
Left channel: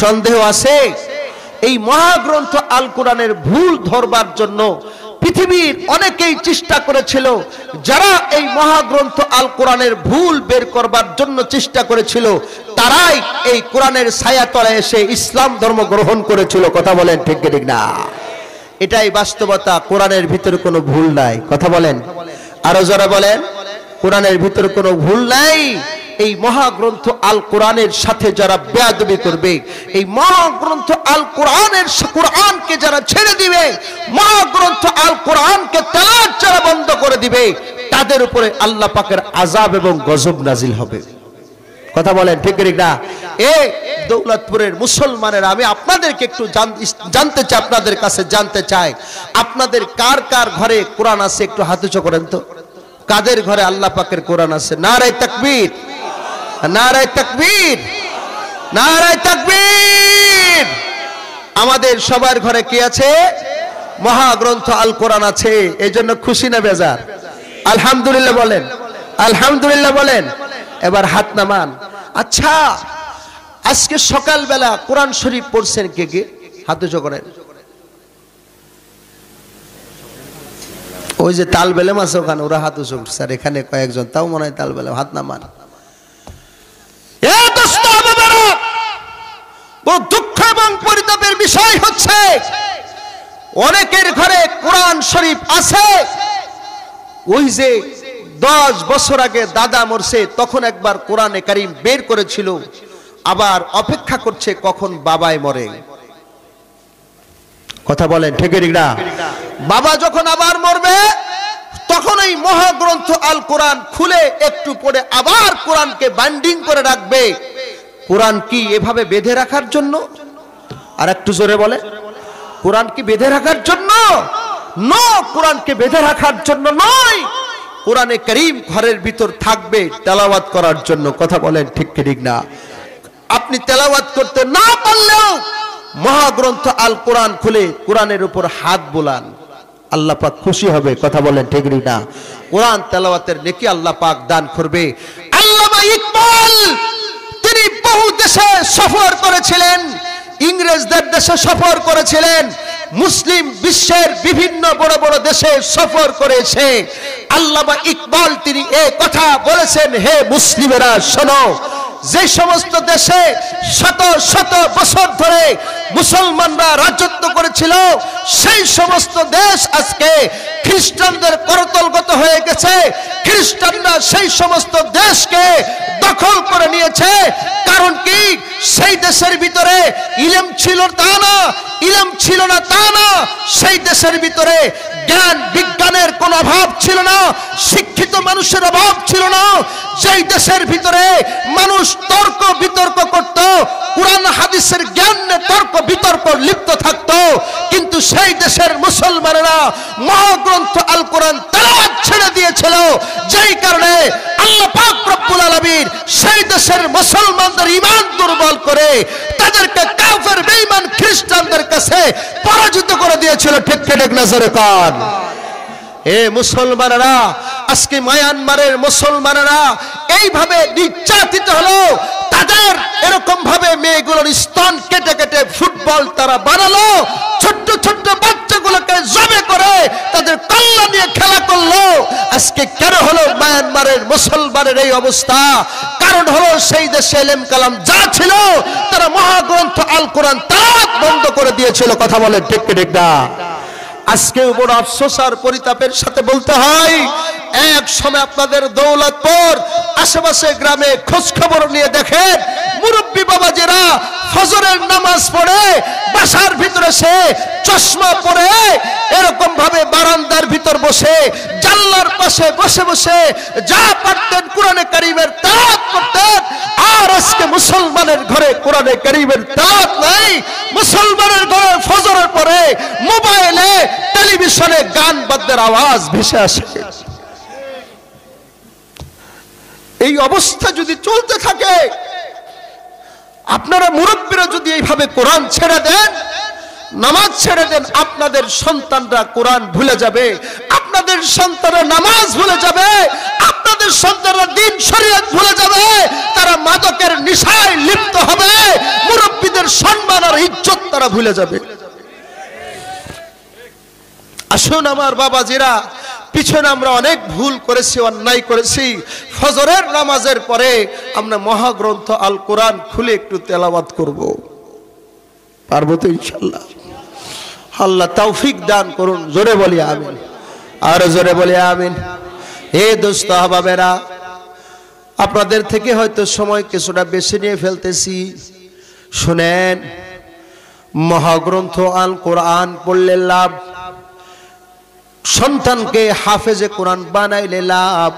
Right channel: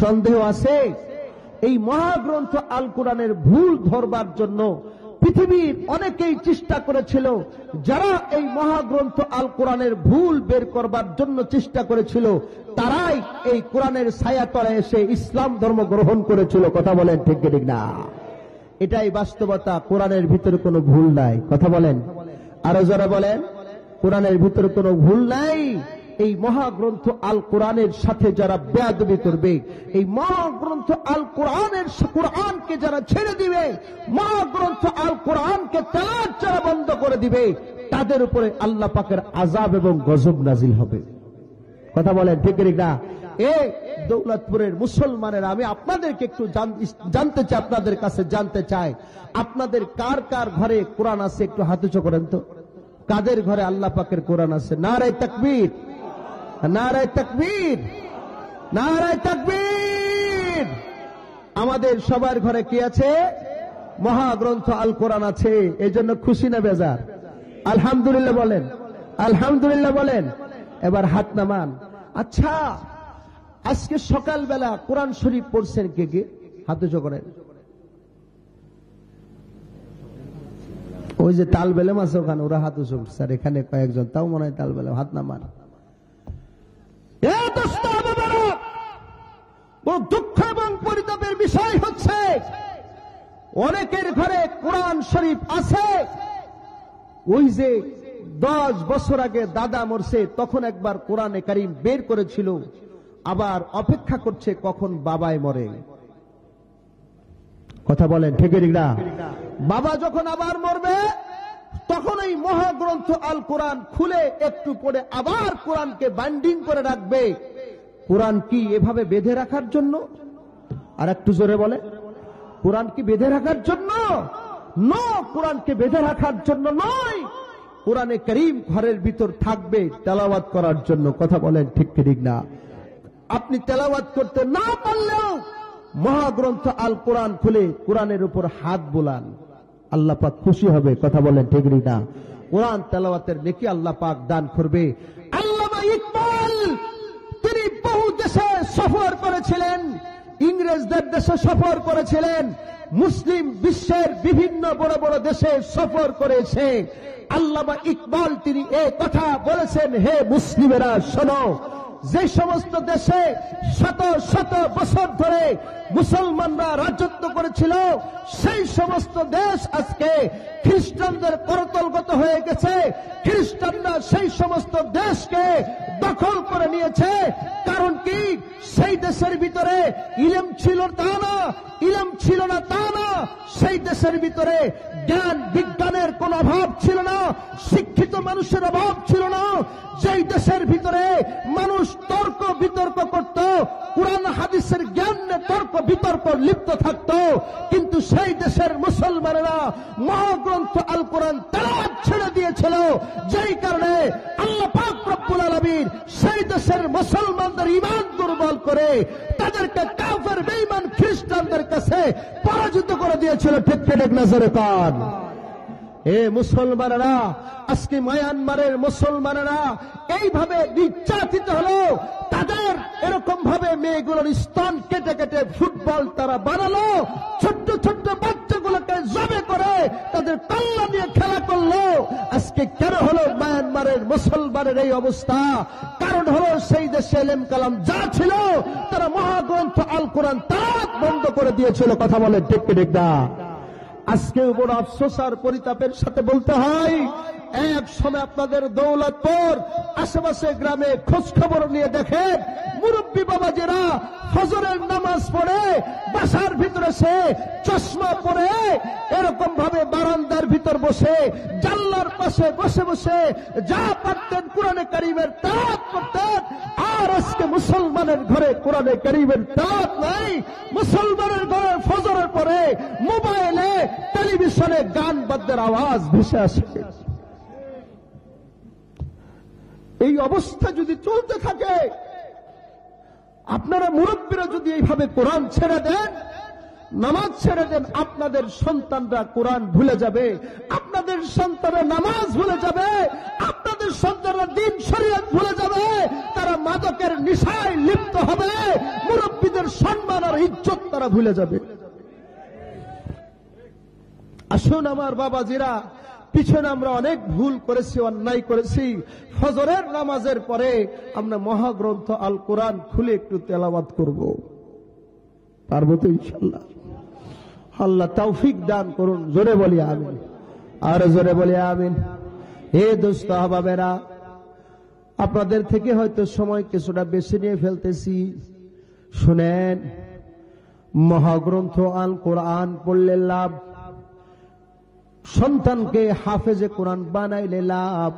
সন্দেহ আছে? এই মহাগ্রন্থ আল কোরআনের ভুল ধরবার জন্য পৃথিবীর অনেকেই চেষ্টা করেছিল। যারা এই মহাগ্রন্থ আল কোরআনের ভুল বের করবার জন্য চেষ্টা করেছিল, তারাই এই কোরআনের ছায়াতলে এসে ইসলাম ধর্ম গ্রহণ করেছিল। কথা বলেন ঠিক ঠিক না? এটাই বাস্তবতা। কোরআনের ভিতরে কোনো ভুল নাই, কথা বলেন। আরো যারা বলেন কোরআনের ভিতরে কোনো ভুল নাই। এই মহাগ্রন্থ আল কোরআনের সাথে যারা বেয়াদবি করবে, এই মহাগ্রন্থ আল কোরআনকে যারা ছেড়ে দিবে, মহাগ্রন্থ আল কোরআনকে তেলাওয়াত যারা বন্ধ করে দিবে, তাদের উপরে আল্লাহ পাকের আযাব এবং গজব নাজিল হবে। কথা বলেন ঠিক না? এই দৌলতপুরের মুসলমানেরা, আমি আপনাদেরকে একটু জানতে চাই, আপনাদের কাছে জানতে চাই, আপনাদের কার কার ঘরে কোরআন আছে? একটু হাত উঁচু করেন তো। কাদের ঘরে আল্লাহ পাকের কোরআন আছে? নারায়ে তাকবীর, নারায়ে তাকবীর, নারায়ে তাকবীর। আমাদের সবার ঘরে কি আছে? মহাগ্রন্থ আল কোরআন আছে। এই জন্য খুশি না বেজার? আলহামদুলিল্লাহ বলেন, আলহামদুলিল্লাহ বলেন। এবার হাত নামান। আচ্ছা, আজকে সকালবেলা কোরআন শরীফ পড়ছেন কে কে? হাত উঁচু করেন। ওই যে তালবেলেম আছে ওখানে, ওরা হাত উঁচু করছে, আর এখানে কয়েকজন, তাও মনে হয় তালবেলেম। হাত নামান। বড় দুঃখ এবং পরিতাপের বিষয় হচ্ছে অনেকের ঘরে কোরআন শরীফ আছে। ওই যে 10 বছর আগে দাদা মরছে, তখন একবার কোরআনে কারীম বের করেছিল, আবার অপেক্ষা করছে কখন বাবাই মরে। কথা বলেন ঠিক না? বাবা যখন আবার মরবে, তখন এই মহাগ্রন্থ আল কোরআন খুলে একটু পড়ে আবার কোরআনকে বাইন্ডিং করে রাখবে। কোরআন কি এভাবে বেঁধে রাখার জন্য? আর একটু জোরে বলে, কোরআন কি বেঁধে রাখার জন্য? না, কোরআনকে বেঁধে রাখার জন্য নয়। কোরআনে কারীম ঘরের ভিতর থাকবে তেলাওয়াত করার জন্য। কথা বলেন ঠিক না? আপনি তেলাওয়াত করতে না পারলেও মহাগ্রন্থ আল কোরআন খুলে কোরআনের উপর হাত বোলান, আল্লাহ পাক খুশি হবে। কথা বলেন ঠিক না? কোরআন তেলাওয়াতের নেকি আল্লাহ পাক দান করবে। আল্লামা ইকবাল তিনি বহু দেশে সফর করেছিলেন, ইংরেজদের দেশে সফর করেছিলেন, মুসলিম বিশ্বের বিভিন্ন বড় বড় দেশে সফর করেছে। আল্লামা ইকবাল তিনি এই কথা বলেছেন, হে মুসলিমেরা শোনো, যে সমস্ত দেশে শত শত বছর ধরে মুসলমানরা রাজত্ব করেছিল, সেই সমস্ত দেশ আজকে খ্রিস্টানদের করতলগত হয়ে গেছে। খ্রিস্টানরা সেই সমস্ত দেশকে দখল করে নিয়েছে। কারণ কি? সেই দেশের ভিতরে ইলম ছিল তা না, ইলম ছিল না তা না, সেই দেশের ভিতরে জ্ঞান বিজ্ঞানের কোনো অভাব ছিল না, শিক্ষিত মানুষের অভাব ছিল না। যেই দেশের ভিতরে মানুষ তর্ক বিতর্ক করত, কুরআন হাদিসের জ্ঞান নিয়ে তর্ক বিতর্ক লিপ্ত থাকতো, কিন্তু সেই দেশের মুসলমানেরা মহাগ্রন্থ আল কোরআন তেলাওয়াত ছেড়ে দিয়েছিল। যেই কারণে আল্লাহ পাক রব্বুল আলামিন সেই দেশের মুসলমানদের ঈমান দুর্বল করে তাদেরকে কাফের বেঈমান খ্রিস্টানদের কাছে পরাজিত করে দিয়েছিল। ঠিক ঠিক নজরে কান। এ মুসলমানেরা, আজকে মায়ানমারের মুসলমানেরা এইভাবে নির্যাতিত হলো, তাদের এরকম ভাবে মেয়েগুলোর স্তন কেটে কেটে ফুটবল তারা বানালো, ছোট্ট ছোট্ট বাচ্চাগুলোকে জবে করে তাদের কল্লা নিয়ে খেলা করলো। আজকে কেন হলো মায়ানমারের মুসলমানের এই অবস্থা? কারণ হলো সেই দেশে ইলম কালাম যা ছিল তারা মহাগ্রন্থ আল কোরআন তেলাওয়াত বন্ধ করে দিয়েছিল। কথা বলেন ঠিক ঠিক না? আজকে বড় আফসোস আর পরিতাপের সাথে বলতে হয়, এক সময় আপনাদের দৌলতপুর আশেপাশে গ্রামে খোঁজ খবর নিয়ে দেখেন, মুরব্বী বাবাজিরা ফজরের নামাজ পড়ে বাসার ভিতরে সে চশমা পরে এরকম ভাবে বারান্দার ভিতর বসে জানলার পাশে বসে বসে যা পারতেন কোরআনে কারীমের তেলাওয়াত করতেন। আর আজকে মুসলমানের ঘরে কোরআনে কারীমের তেলাওয়াত নাই। মুসলমানের ঘরে ফজরের পরে মোবাইলে টেলিভিশনে গান বাদ্যের আওয়াজ ভেসে আসে। এই অবস্থা যদি চলতে থাকে, আপনারা মুরব্বীরা যদি এইভাবে কোরআন ছেড়ে দেন, নামাজ ছেড়ে দেন, আপনাদের সন্তানরা কোরআন ভুলে যাবে, আপনাদের সন্তানরা নামাজ ভুলে যাবে, আপনাদের সন্তানরা দ্বীন শরীয়ত ভুলে যাবে, তারা মাদকের নেশায় লিপ্ত হবে, মুরব্বীদের সম্মান আর ইজ্জত তারা ভুলে যাবে। আসুন আমার বাবাজিরা, পিছনে আমরা অনেক ভুল করেছি, অন্যায় করেছি। ফজরের নামাজের পরে আমরা মহাগ্রন্থ আল কোরআন খুলে একটু তেলাওয়াত করব, পারবো তো ইনশাআল্লাহ? আল্লাহ তৌফিক দান করুন। জোরে বলি আমিন, আর জোরে বলি আমিন। হে দোস্ত আহবাবেরা, আপনাদের থেকে হয়তো সময় কিছুটা বেশি নিয়ে ফেলতেছি, শুনেন। মহাগ্রন্থ আল কোরআন পড়লে লাভ, সন্তানকে হাফেজে কোরআন বানাইলে লাভ।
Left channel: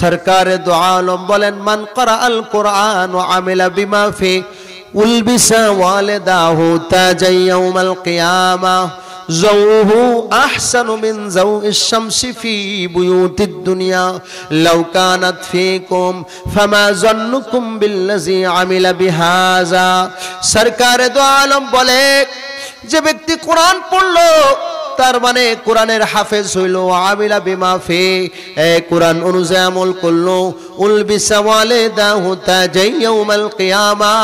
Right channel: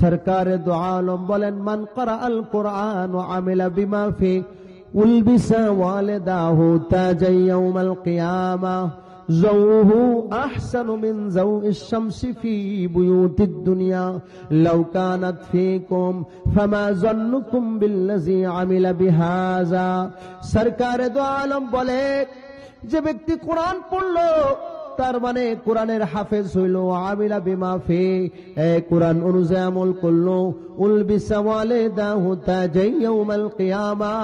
সরকারে দো আলম বলেন, মান করা আল কোরআন ও আমিলা বিমা ফি উলবিসা ওয়ালিদাহু তাজাই ইয়াউমাল কিয়ামা زوه أحسن من زوء الشمس في بيوت الدنيا لو كانت فيكم فما ظنكم بالذي عمل بهذا। সরকারে দো আলম বলে, যে ব্যক্তি কোরআন পড়লো তার মানে কোরআনের হাফেজ হইল, আমিলা বিমা ফি কোরআন অনুযায়ী আমল করলো, উলবিসা ওয়ালিদাহু তাজাই ইয়াউমাল কিয়ামা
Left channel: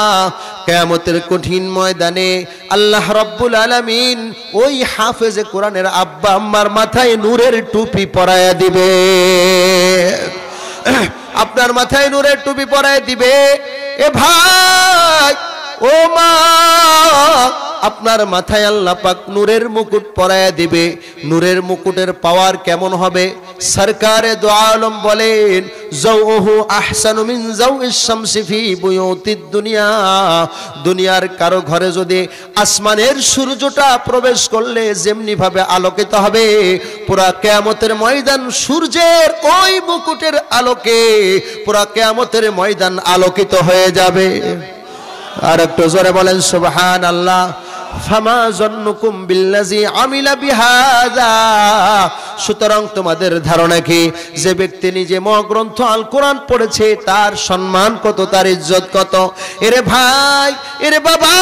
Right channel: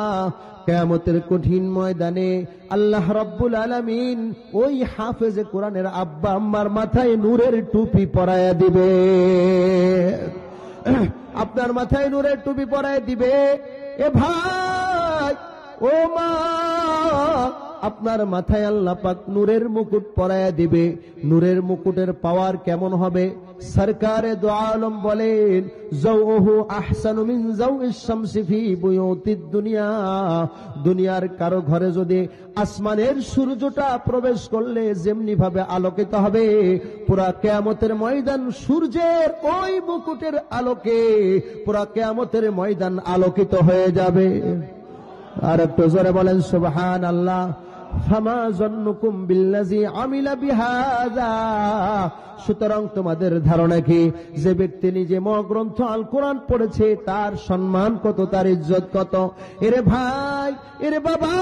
কিয়ামতের কঠিন ময়দানে আল্লাহ রাব্বুল আলামিন ওই হাফেজে কোরআনের আব্বা আম্মার মাথায় নূরের টুপি পরায়া দিবে। আপনার মাথায় নূরের টুপি পরায়া দিবে। এ ভাই, ও মা, আপনার মাথায় আল্লাহ পাক নূরের মুকুট পরায়া দিবে। নূরের মুকুটের পাওয়ার কেমন হবে? সরকারে দো আলম বলেন, যাওহু আহসানু মিন যাওইশ শামসি ফি বুয়ুতিদ দুনিয়া। দুনিয়ার কারো ঘরে যদি আসমানের সূর্যটা প্রবেশ করলে যেমনি ভাবে আলোকিত হবে, পুরা কিয়ামতের ময়দান সূর্যের ওই মুকুটের আলোকে পুরা কিয়ামতের ময়দান আলোকিত হয়ে যাবে। আর একটু জোরে বলেন সুবহানাল্লাহ। ফামা জন্নুকুম বিল্লাযী আমিলা বিহাযা। সুতরাং তোমাদের ধারণা কি, যে ব্যক্তি নিজে মহাগ্রন্থ আল কোরআন পড়েছে তার সম্মান কত, তার ইজ্জত কত? এরে ভাই, এরে বাবা,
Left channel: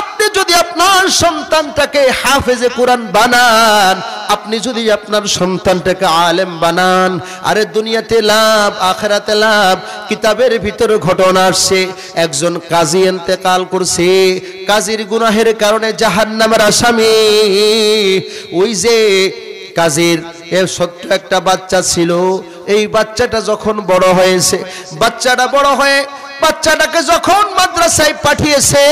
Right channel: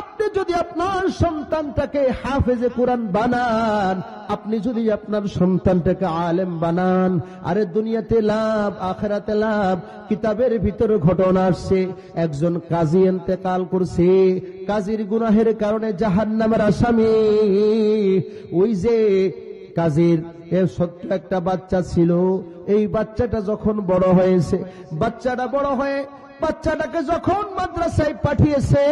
আপনি যদি আপনার সন্তানটাকে হাফেজে কোরআন বানান, আপনি যদি আপনার সন্তানটাকে আলেম বানান, আরে দুনিয়াতে লাভ, আখিরাতে লাভ। কিতাবের ভিতরে ঘটনা আসছে, একজন কাজী ইন্তেকাল করছে, কাজীর গুনাহের কারণে জাহান্নামের আসামি। ওই যে কাজীর ছোট্ট একটা বাচ্চা ছিল, এই বাচ্চাটা যখন বড় হয়েছে, বাচ্চাটা বড় হয়ে বাচ্চাটাকে যখন মাদ্রাসায় পাঠিয়েছে,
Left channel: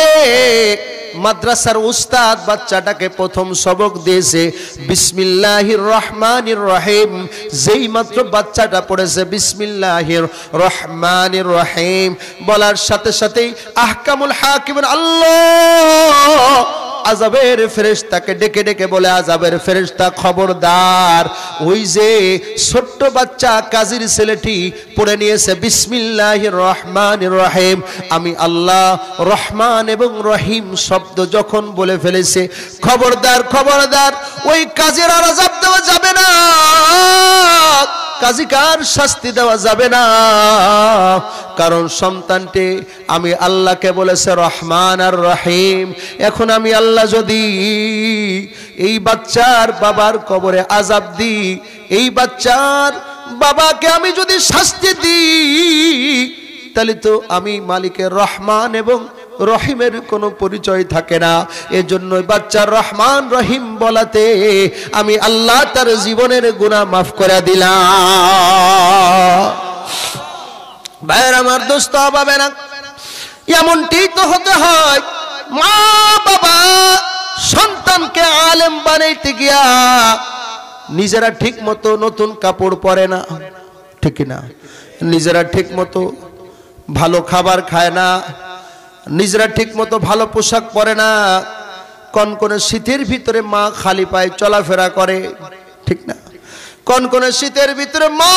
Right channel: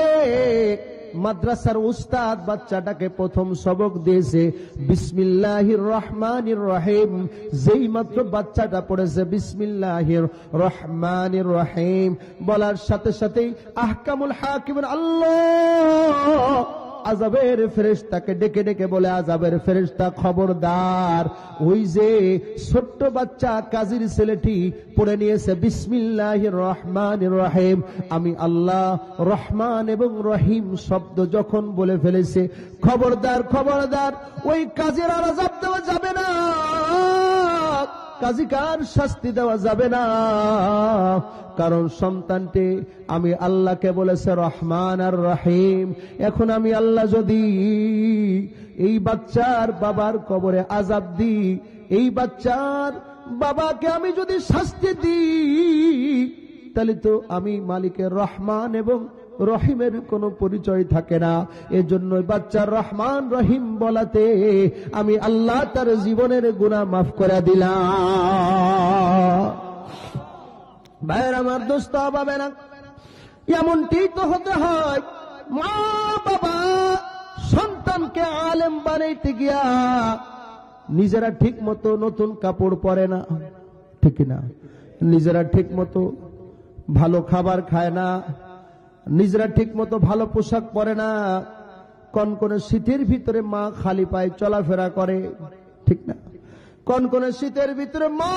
মাদ্রাসার উস্তাদ বাচ্চাটাকে প্রথম সবক দিয়েছে বিসমিল্লাহির রহমানির রহিম। যেই মাত্র বাচ্চাটা পড়েছে বিসমিল্লাহির রহমানির রহিম বলার সাথে সাথেই আহকামুল হাকিমিন আল্লাহ আযাবের ফেরেশতাকে ডেকে ডেকে বলে, আযাবের ফেরেশতা খবরদার, ওই যে ছোট্ট বাচ্চা কাজীর ছেলেটি পড়ে নিয়েছে বিসমিল্লাহির রহমানির রহিম, আমি আল্লাহ রহমান এবং রহিম শব্দ যখন বলে ফেলেছে, খবরদার খবরদার, ওই কাজীর আর আযাব দেওয়া যাবে না, কাজীকার শাস্তি দেওয়া যাবে না। কারণ সন্তানটি আমি আল্লাহকে বলেছে রহমান আর রহিম। এখন আমি আল্লাহ যদি এই বাচ্চার বাবার কবরে আযাব দিই, এই বাচ্চার বাবাকে আমি যদি শাস্তি দিই, তাহলে তো আমি মালিকের রহমান এবং রহিমের কোনো পরিচয় থাকে না। এজন্য বাচ্চার রহমান রহিম বলাতে আমি আল্লাহ তার জীবনের গুনাহ মাফ করে দিলাম। ভাইয়ের আমার, দোস্ত হবে না, এমনটি তো হতে হয়। মা বাবা সন্তানকে আলেম বানাইতে গিয়া নিজেরা ঠিক মতো নতুন কাপড় পরে না, ঠিক না? নিজেরা ঠিক মতো ভালো খাবার খায় না, নিজেরা ঠিক মতো ভালো পোশাক পরে না। কনকনে শীতের ভিতরে মা খালি পায়ে চলাফেরা করে, ঠিক না? কনকনে শীতের ভিতরে মা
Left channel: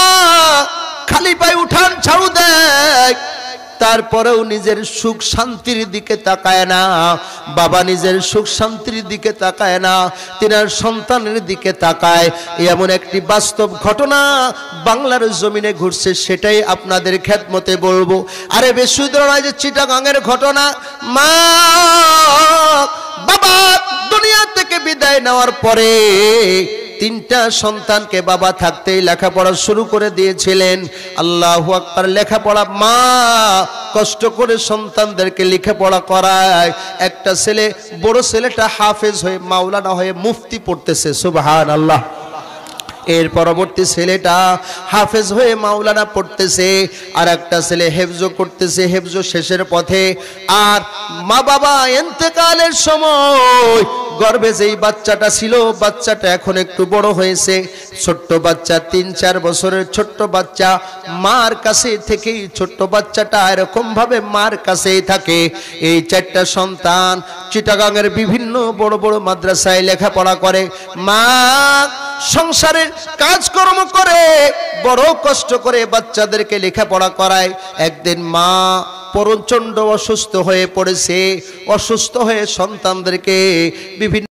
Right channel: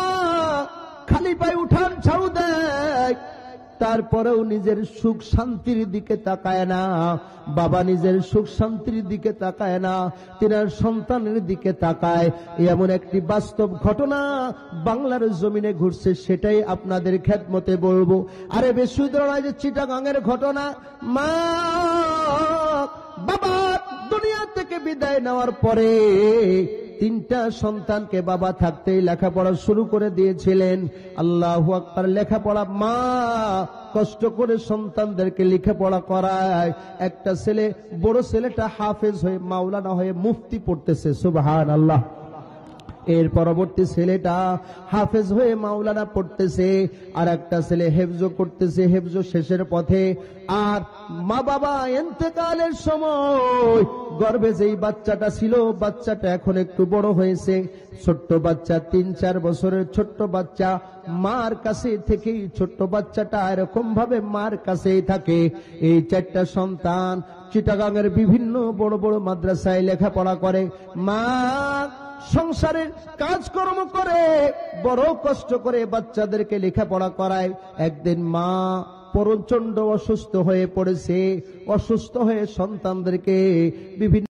খালি পায়ে উঠান ঝাড়ু দেয়, তারপরেও নিজের সুখ শান্তির দিকে তাকায় না। বাবা নিজের সুখ শান্তির দিকে তাকায় না, তিনার সন্তানের দিকে তাকায়। এমন একটি বাস্তব ঘটনা বাংলার জমিনে ঘটছে, সেটাই আপনাদের খেদমতে বলবো। আরে বেশি দূর নয়, যে চিটাগাংয়ের ঘটনা। মা বাবা দুনিয়া থেকে বিদায় নেওয়ার পরে তিনটা সন্তানকে বাবা থাকতেই লেখাপড়া শুরু করে দিয়েছিলেন। আল্লাহু আকবার। লেখাপড়া মা কষ্ট করে সন্তানদেরকে লেখাপড়া করায়। একটা ছেলে, বড় ছেলেটা হাফেজ হয়ে মাওলানা হয়ে মুফতি পড়তেছে, সুবহানাল্লাহ। এর পরবর্তী ছেলেটা হাফেজ হয়ে মাওলানা পড়তেছে, আর একটা ছেলে হেফজ করতেছে, হেফজ শেষের পথে। আর মা বাবা ইন্তেকালের সময় গর্ভে যেই বাচ্চাটা ছিল, বাচ্চাটা এখন একটু বড় হয়েছে, ছোট্ট বাচ্চা, 3-4 বছরের ছোট্ট বাচ্চা, মার কাছে থেকেই ছোট্ট বাচ্চাটা এরকম ভাবে মার কাছেই থাকে। এই 4টা সন্তান চিটাগাংয়ের বিভিন্ন বড় বড় মাদ্রাসায় লেখাপড়া করে। মা সংসারের কাজকর্ম করে বড় কষ্ট করে বাচ্চাদেরকে লেখাপড়া করায়। একদিন মা প্রচণ্ড অসুস্থ হয়ে পড়েছে। অসুস্থ হয়ে সন্তানদেরকে বিভিন্ন